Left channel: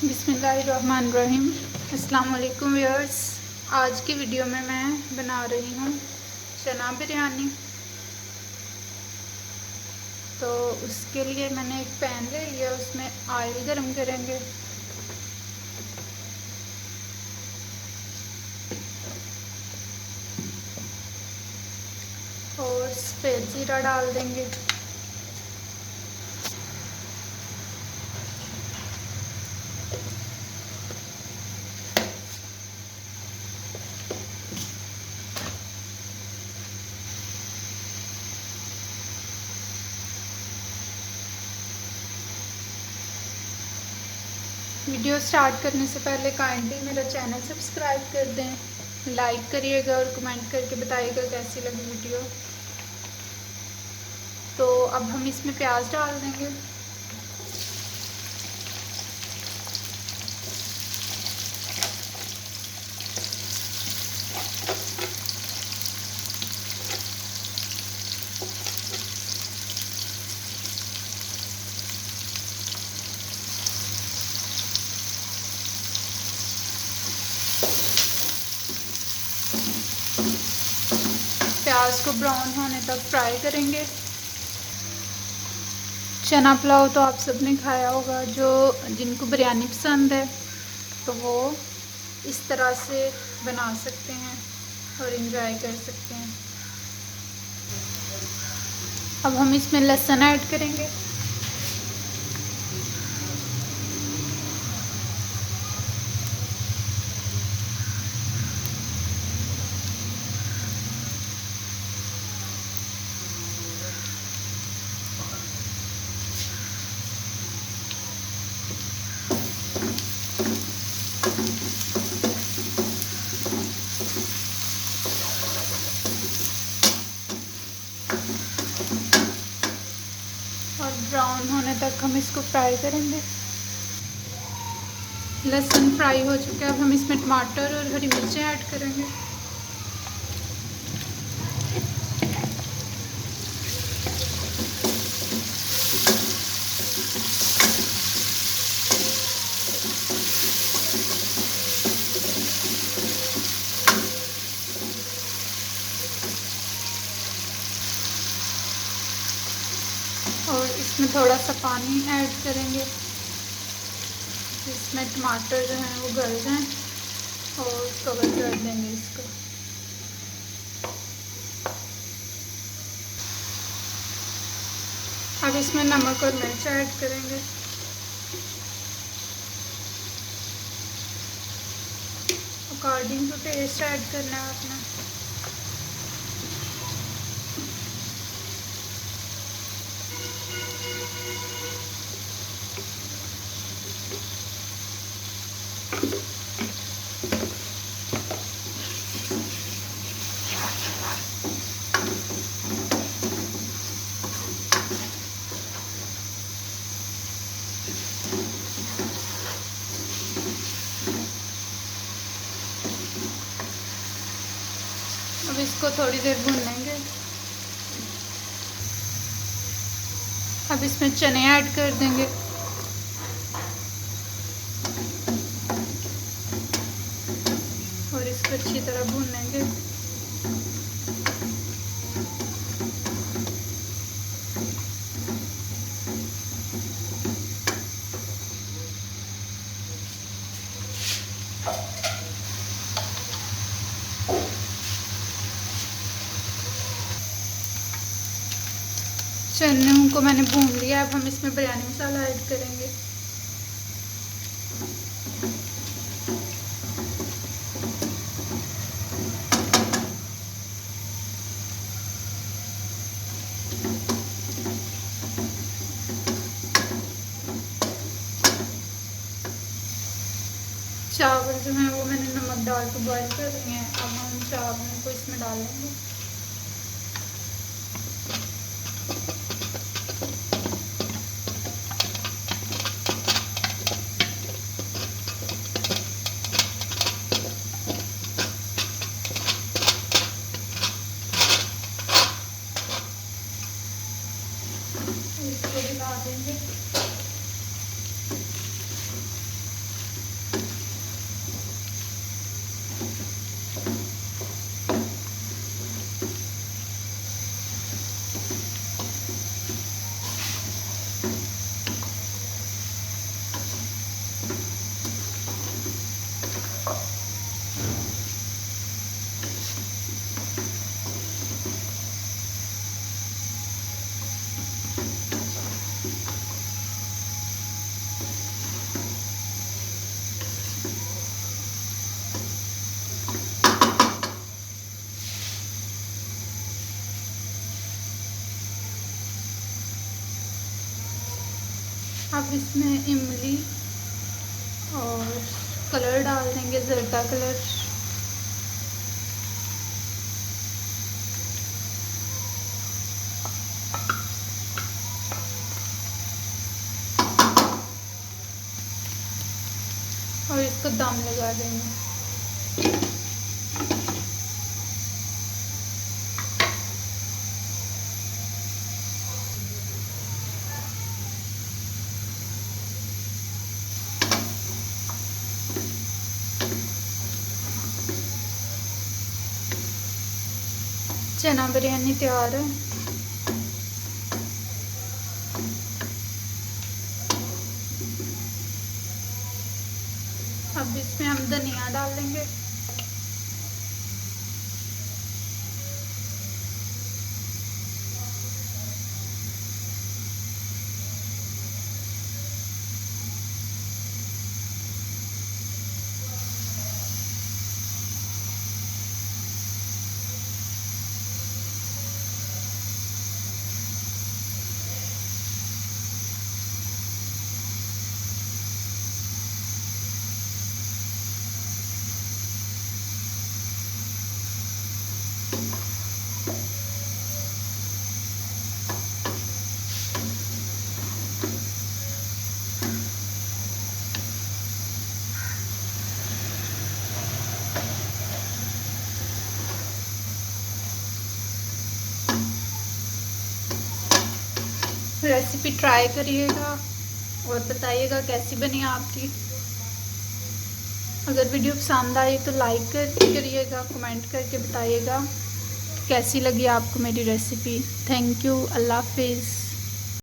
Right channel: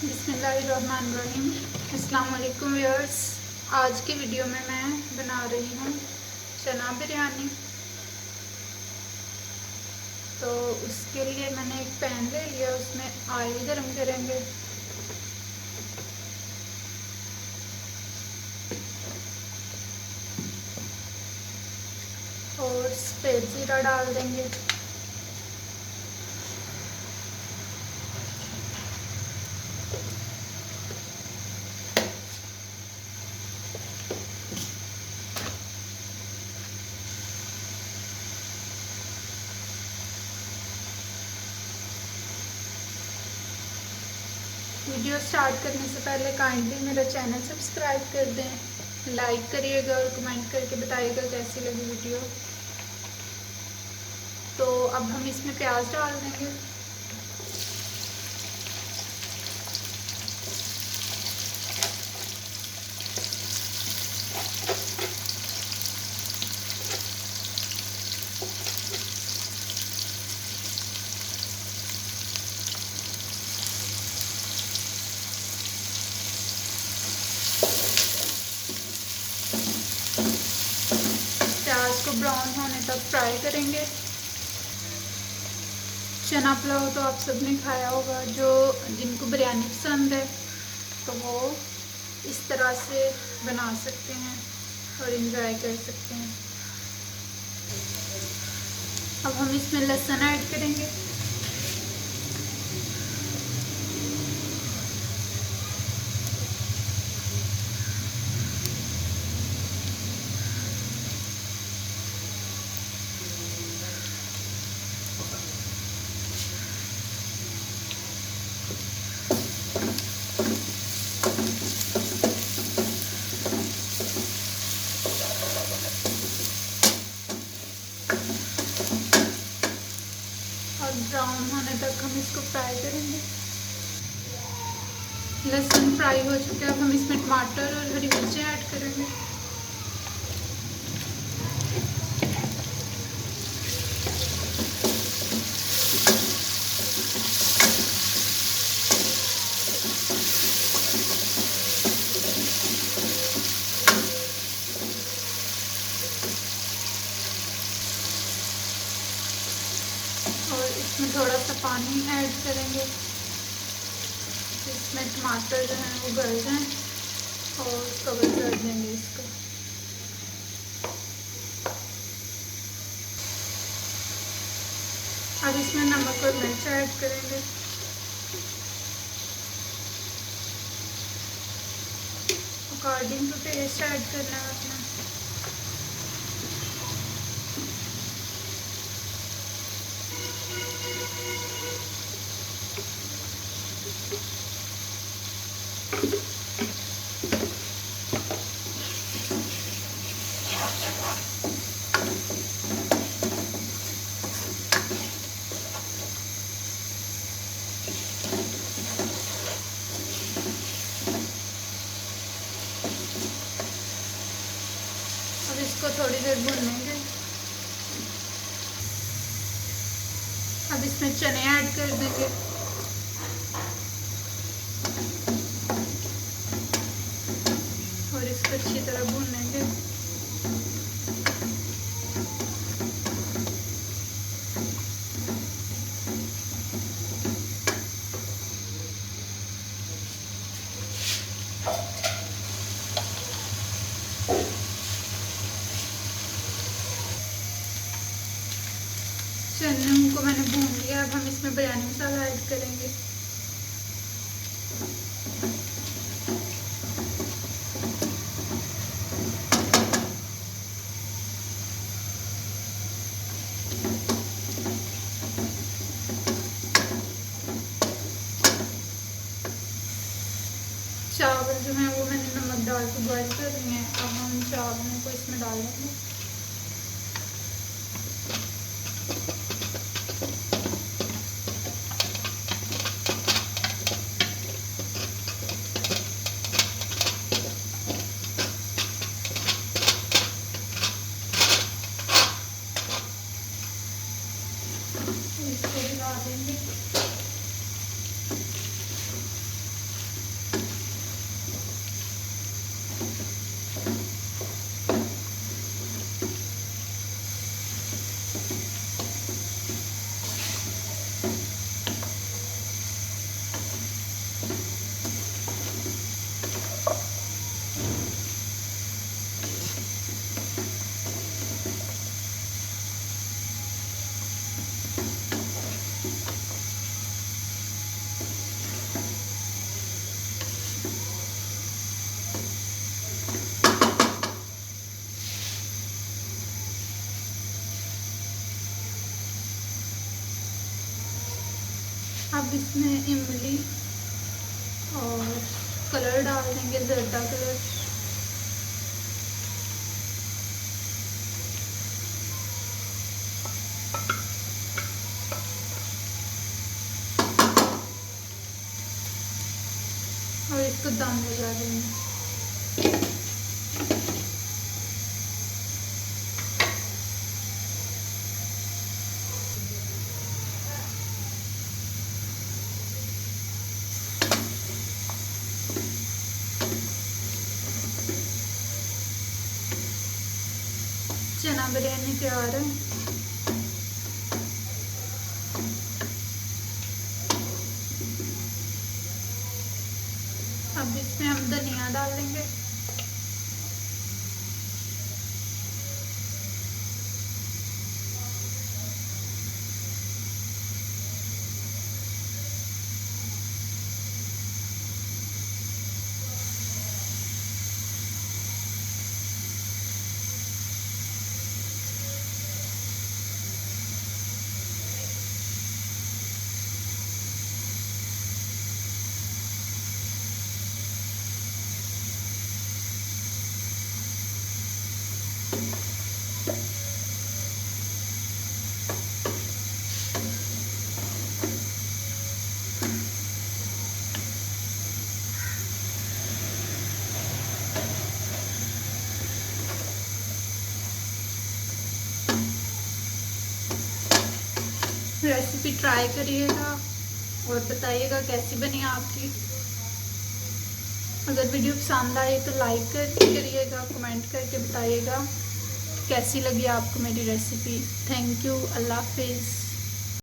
बिस्मिल्लाहिर्रहमानिर्रहीम। अस्सलाम वालेकुम व्यूअर्स। आज की वीडियो में मैं बना रही हूँ चना बिरयानी। तो उसके लिए मैंने एक पैन ले लिया, उसमें ऑयल गरम करेंगे और सफ़ेद ज़ीरा डाल देंगे। वीडियो स्टार्ट करने से पहले काइंडली मेरा चैनल सब्सक्राइब कर दें, लाइक करिएगा और कमेंट करके बताइएगा कैसी लगी वीडियो। तो अब हम इसमें प्याज डाल देंगे। प्याज को ब्राउन होने तक फ्राई करेंगे। चना पुलाव तो आप सबने खाया होगा, जो जिनको बिरयानी पसंद है तो वो इस तरह से बना सकते हैं और इंजॉय कर सकते हैं। अब हम इसमें लहसुन ऐड करेंगे। और ब्राउन होने तक हम इसको फ्राई करेंगे। लहसुन फ्राई हो चुका है। अब हम इसमें टमाटर और हरी मिर्चें ऐड करेंगे। और इसमें थोड़ा सा पानी ऐड करेंगे, इसमें टमाटर जो हैं वो गल जाएं और कवर कर देंगे इसको। अब इसमें नमक और मिर्च ऐड करेंगे। अकॉर्डिंग टू टेस्ट ऐड करना है अपना। अब इसको थोड़ी देर भूनेंगे। अब इसमें चने ऐड कर देंगे। और इसको अच्छी तरह भूनेंगे। चने को मैंने भून लिया। अब हम इसमें बिरयानी मसाला ऐड करेंगे। चावल जो है वो मैंने नमक डाल के बॉईल कर लिए हैं। अब हम चावलों को इसमें डालेंगे। इसको भी डाल देंगे। अब इसमें इमली और कलर डाल देंगे, जर्दा कलर। और इसको दम लगा देंगे। चना बिरयानी तैयार है। अब इसमें हम धनिया डालेंगे। रेसिपी ट्राई करिएगा और बताइएगा कैसी बनी आपकी। अगर वीडियो पसंद आई तो लाइक करिएगा, कमेंट करके बताइएगा कैसी लगी आपको मेरी रेसिपी। Thank you. अल्लाह हाफिज़।